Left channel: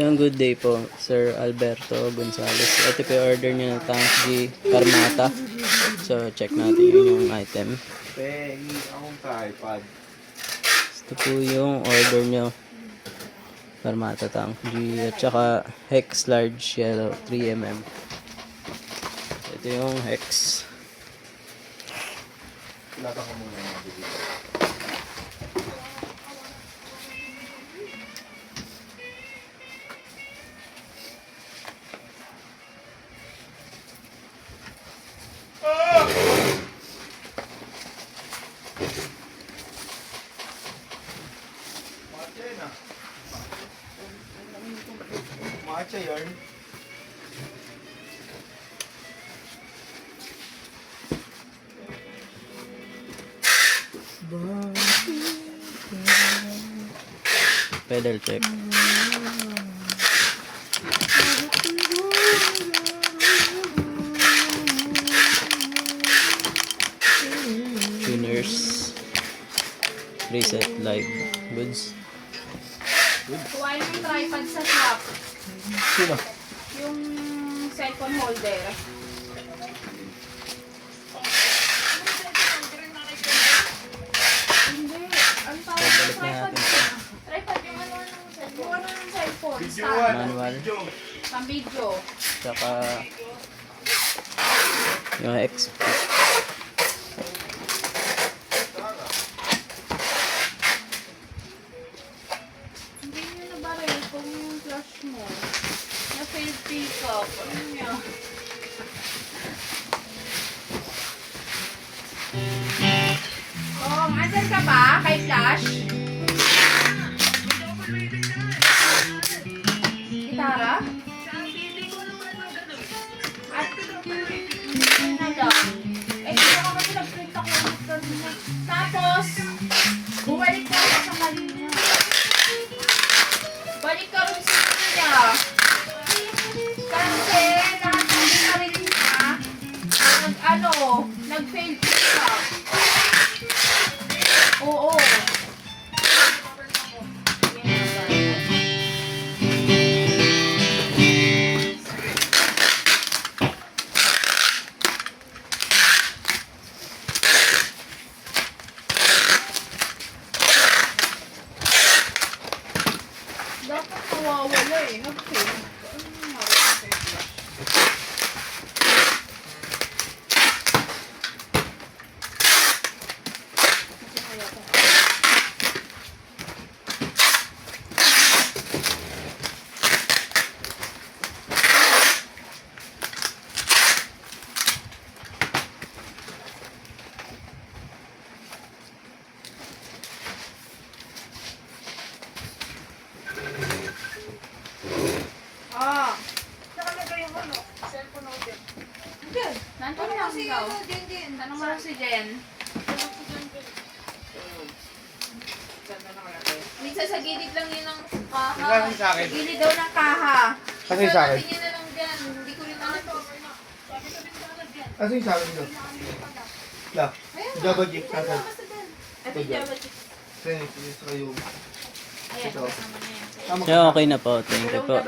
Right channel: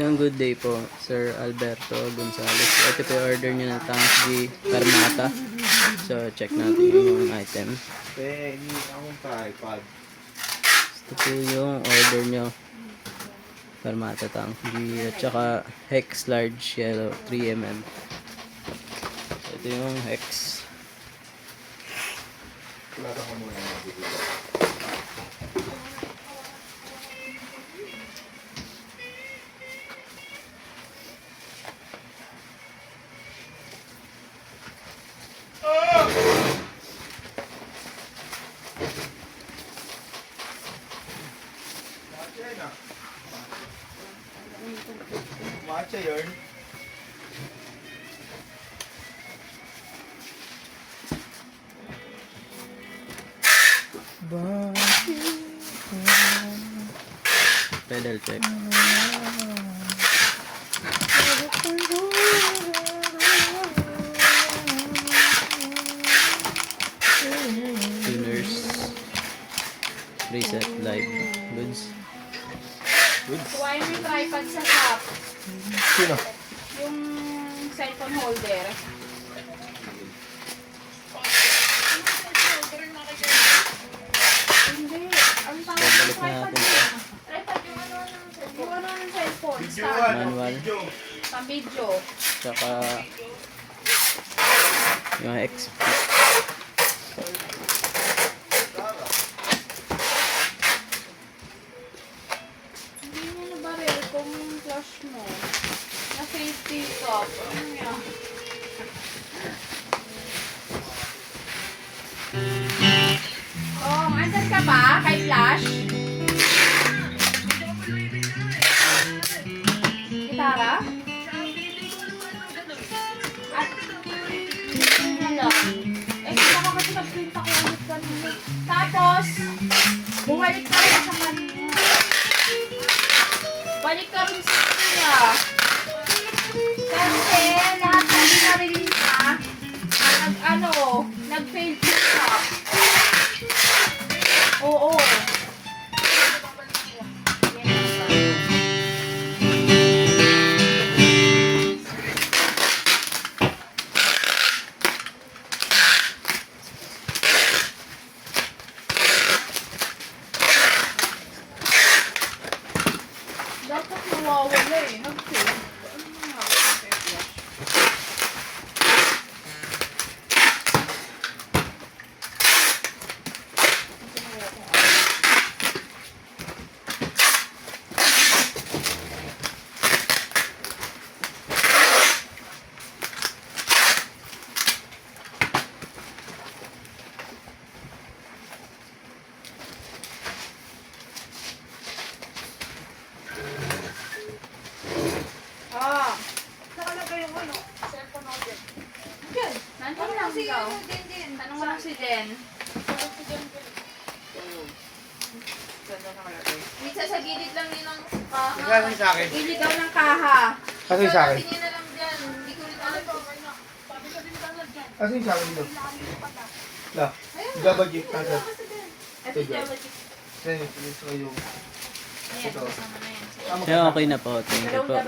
Isang good day po, Sir Alberto Gonzales. Ito po yung order niyo ng Tangji Tarmata. So, check natin yung item. Ito po yung order niyo. Tarmata Tangji at saka Hex Large Yellow 3mm. Ito yung Hex. Matcha yun. Pedal check. Tuners. Reset live. Goods. Kuhain mo yung tripod sa shop. Sino? Yung cellphone holder. Hindi. Ang tawag ng Balik na tripod. natin ito. Tripod yung ano ng cellphone. Yung ano ng cellphone. Video Stand. Manual. Pang video. Tsaka yung X. Hindi mo nabaril kung flash mo. Na-fail pick up. Ano yan? Oh, andyan ka ba kay Flash? Gitara? At, hello. Eh, baka kasi nag-print ako ulit kanina. Tapos, bumalik ka rin sa kanya. Balik ka rin sa kanya. Kasi, lahat ng binaril niya, nag-fail pick up. Oo. Dapat nawawala eh. Nag-fail. Ano nawawala ng fail? Ah. Saka na kayo ano? Cellphone order. Diyan. Nandun lang ikaw. Din. Tanong mo lang si Jen. Minsan sa gilid lang yun ang kaha. Kasi sa akin. Sa gilid daw ng kaha. Kasi sa akin. Tingin na lang dyan. Hindi ko rin alam. Kasi sa akin ito. La. Double jeep. Nasa. Ito yung Java chip. Kasi yung. Ayan, Ito. tapos naman na yan. So, okay na po. Thank you po.